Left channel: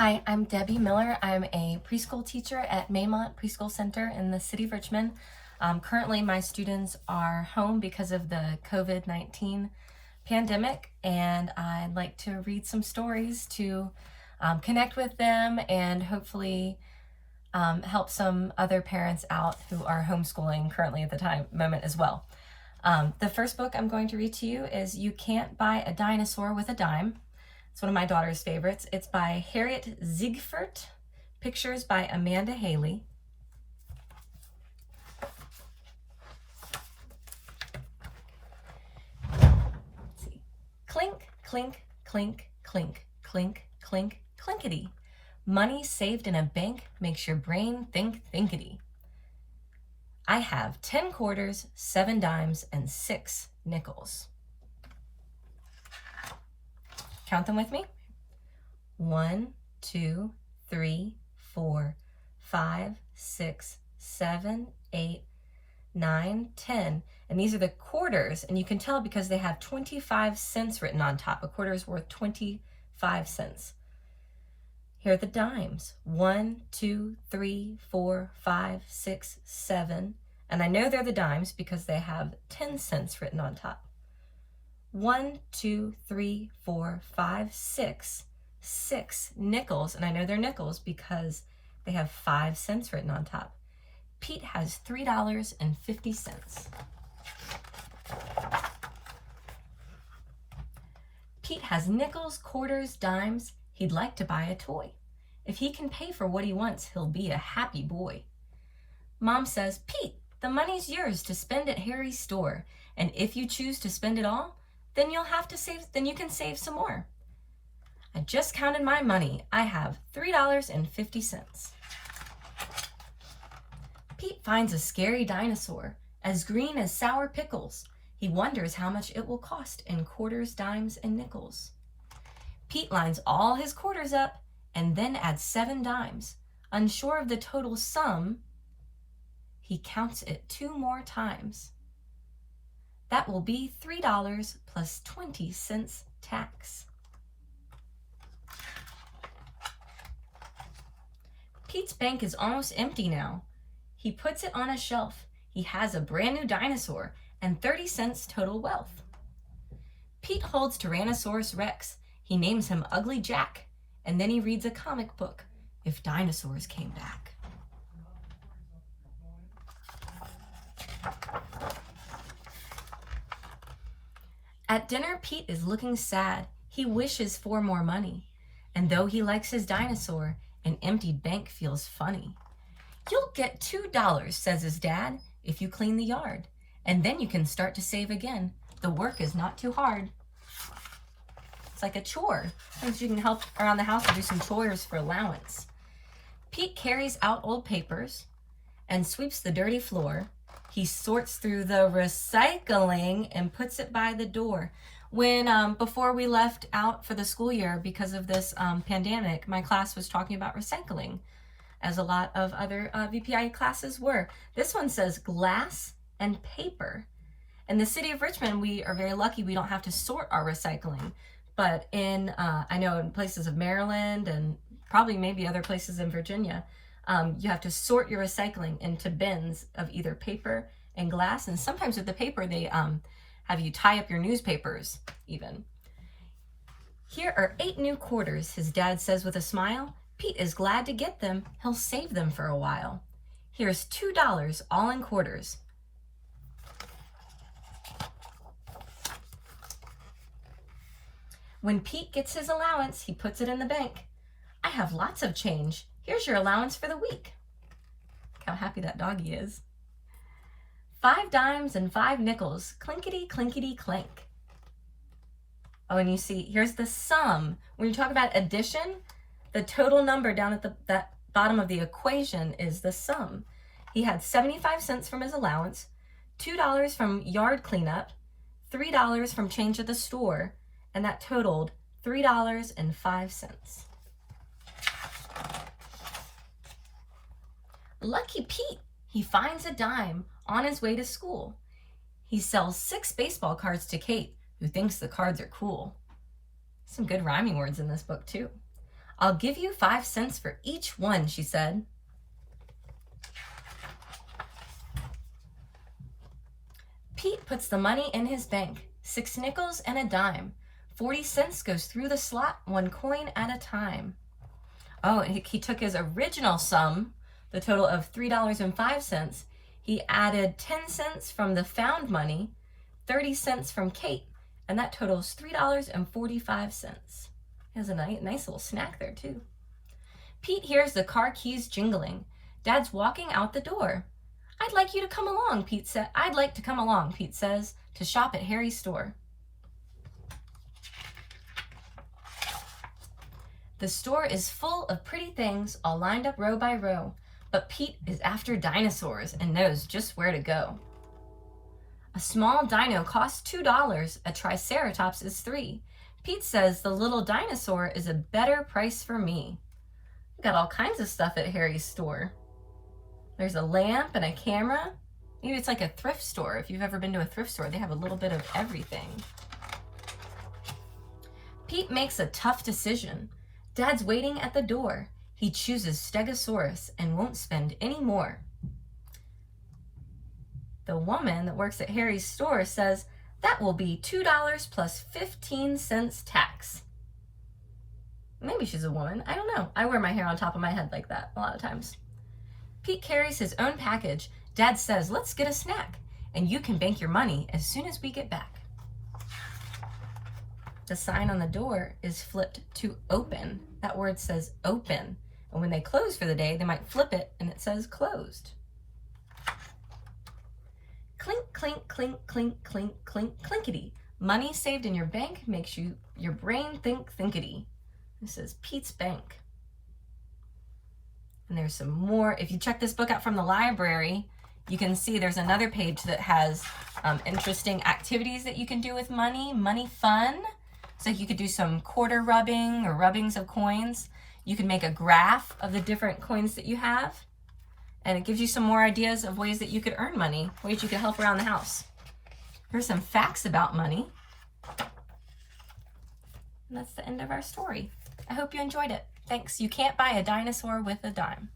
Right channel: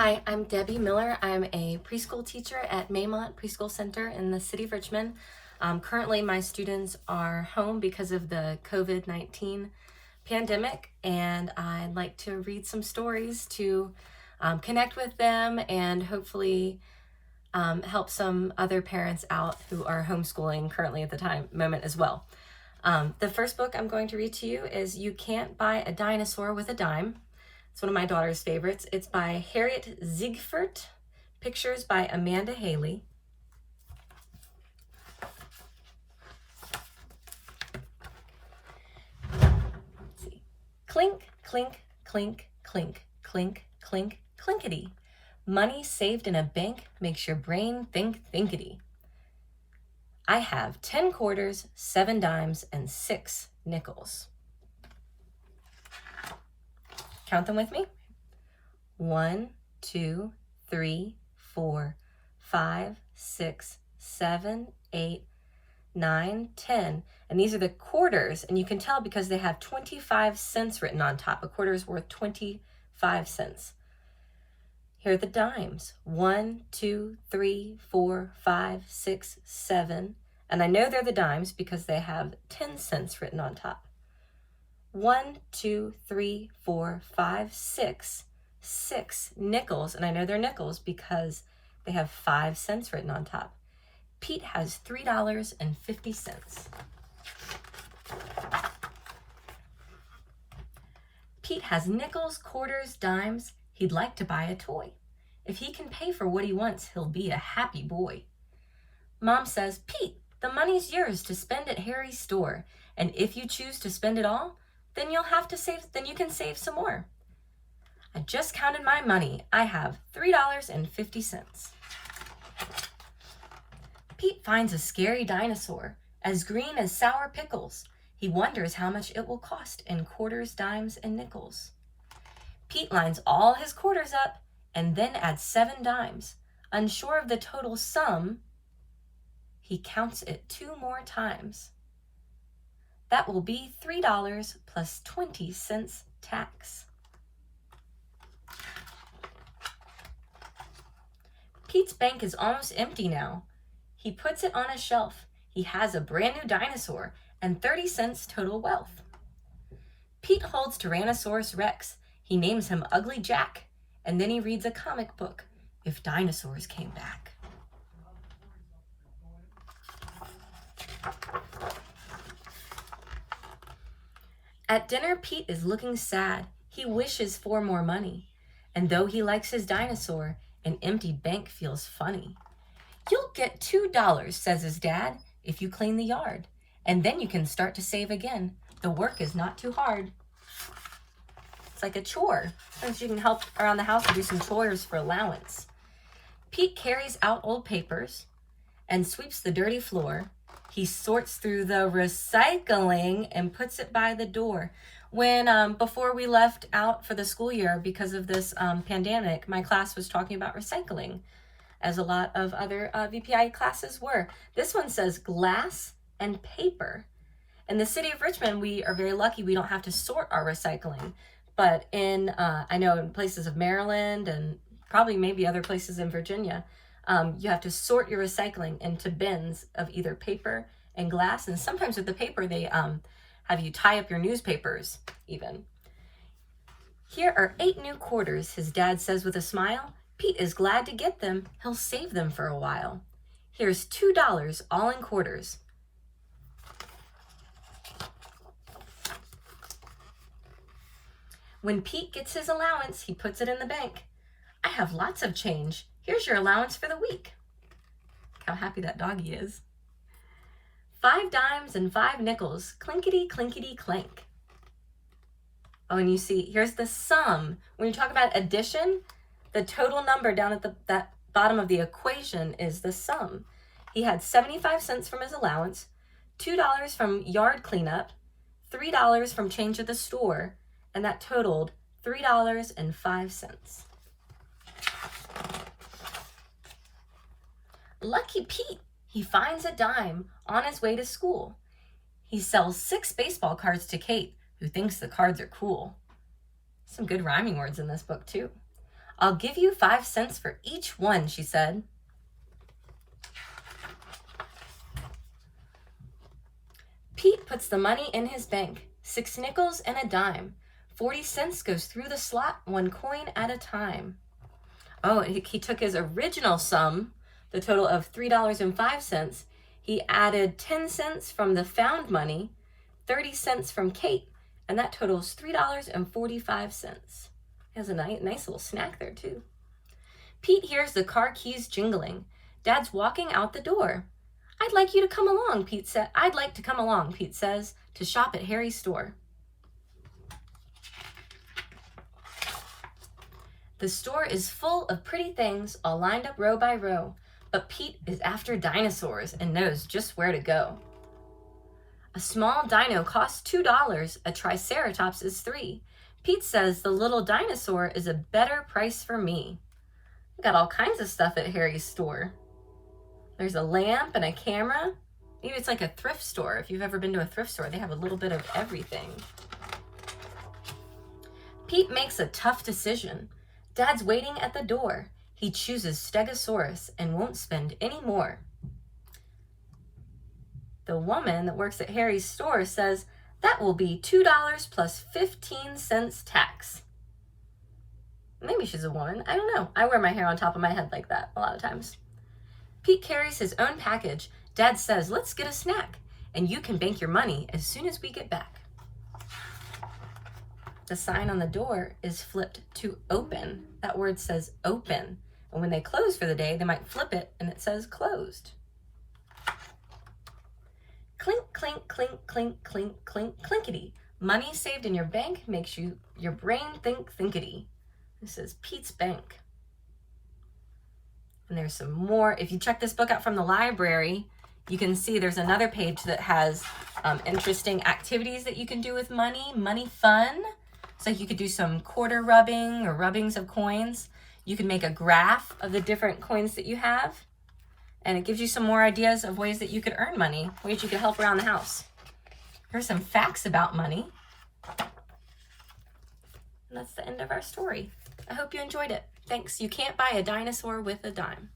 Hi, I'm Debbie Miller. I'm a preschool teacher at Maymont Preschool Center in the city of Richmond. Currently, my students are home because of the COVID-19 pandemic, and I'd like to read some stories to connect with them and hopefully help some other parents out who are homeschooling currently at the moment as well. The first book I'm going to read to you is You Can't Buy a Dinosaur with a Dime. It's one of my daughter's favorites. It's by Harriet Ziegfert, pictures by Amanda Haley. Let's see. Clink, clink, clink, clink, clink, clink, clinkety. Money saved in a bank makes your brain think thinkety. I have 10 quarters, 7 dimes, and 6 nickels. Count them with me. 1, 2, 3, 4, 5, 6, 7, 8, 9, 10. And these are the quarters, and you can tell because they have 25 cents written on top. A quarter is worth 25 cents. Here are the dimes. 1, 2, 3, 4, 5, 6, 7. And I know they're the dimes because they have 10 cents written on top. 1, 2, 3, 4, 5, 6. 6 nickels, and I know they're nickels because they have 5 cents written on top. Pete has $3.50. Pete has nickels, quarters, dimes. He'd like to buy a toy. If he can pay for what he wants, he'll be a happy boy. Mom says, Pete, the money's yours to spend at Harry's store, and if you choose to spend it all, then you can save some more. I just counted my money. I have $3.50. Pete finds a scary dinosaur, as green as sour pickles. He wonders how much it will cost in quarters, dimes, and nickels. Pete lines all his quarters up and then adds 7 dimes. Unsure of the total sum, he counts it 2 more times. That will be $3 plus 20 cents tax. Pete's bank is almost empty now. He puts it on a shelf. He has a brand new dinosaur and 30 cents total wealth. Pete holds Tyrannosaurus Rex. He names him Ugly Jack, and then he reads a comic book, If Dinosaurs Came Back. At dinner, Pete is looking sad. He wishes for more money. And though he likes his dinosaur, an empty bank feels funny. You'll get $2, says his dad, if you clean the yard. And then you can start to save again. The work is not too hard. It's like a chore. Sometimes you can help around the house and do some chores for allowance. Pete carries out old papers and sweeps the dirty floor. He sorts through the recycling and puts it by the door. When before we left out for the school year because of this pandemic, my class was talking about recycling, as a lot of other VPI classes were. This one says glass and paper. In the city of Richmond, we are very lucky we don't have to sort our recycling. But in, I know in places of Maryland and probably maybe other places in Virginia, you have to sort your recycling into bins of either paper and glass. And sometimes with the paper, they have you tie up your newspapers even. Here are 8 new quarters, his dad says with a smile. Pete is glad to get them. He'll save them for a while. Here's $2 all in quarters. When Pete gets his allowance, he puts it in the bank. I have lots of change. Here's your allowance for the week. Look how happy that doggy is. 5 dimes and 5 nickels, clinkety, clinkety, clink. Oh, and you see, here's the sum. When you talk about addition, the total number down at that bottom of the equation is the sum. He had 75 cents from his allowance, $2 from yard cleanup, $3 from change at the store, and that totaled $3.05. Lucky Pete, he finds a dime on his way to school. He sells 6 baseball cards to Kate, who thinks the cards are cool. Some good rhyming words in this book too. I'll give you 5 cents for each one, she said. Pete puts the money in his bank, 6 nickels and a dime. 40 cents goes through the slot, 1 coin at a time. Oh, and he took his original sum, the total of $3.05. He added 10 cents from the found money, 30 cents from Kate, and that totals $3.45. He has a nice little snack there too. Pete hears the car keys jingling. Dad's walking out the door. I'd like you to come along, Pete said. I'd like to come along, Pete says, to shop at Harry's store. The store is full of pretty things, all lined up row by row, but Pete is after dinosaurs and knows just where to go. A small dino costs $2, a triceratops is $3. Pete says the little dinosaur is a better price for me. Got all kinds of stuff at Harry's store. There's a lamp and a camera. Maybe it's like a thrift store. If you've ever been to a thrift store, they have a little bit of everything. Pete makes a tough decision. Dad's waiting at the door. He chooses Stegosaurus and won't spend any more. The woman that works at Harry's store says that will be $2 plus 15 cents tax. Maybe she's a woman. I don't know. I wear my hair on top of my head like that a lot of times. Pete carries his own package. Dad says, let's get a snack, and you can bank your money as soon as we get back. The sign on the door is flipped to open. That word says open. And when they close for the day, they might flip it and it says closed. Clink, clink, clink, clink, clink, clink, clinkety. Money saved in your bank makes your brain think thinkety. This is Pete's Bank. And there's some more. If you check this book out from the library, you can see there's another page that has interesting activities that you can do with money. Money fun. So you could do some quarter rubbing or rubbings of coins. You can make a graph of the different coins that you have. And it gives you some more ideas of ways that you could earn money, ways you could help around the house. Here's some facts about money. And that's the end of our story. I hope you enjoyed it. Thanks. You can't buy a dinosaur with a dime.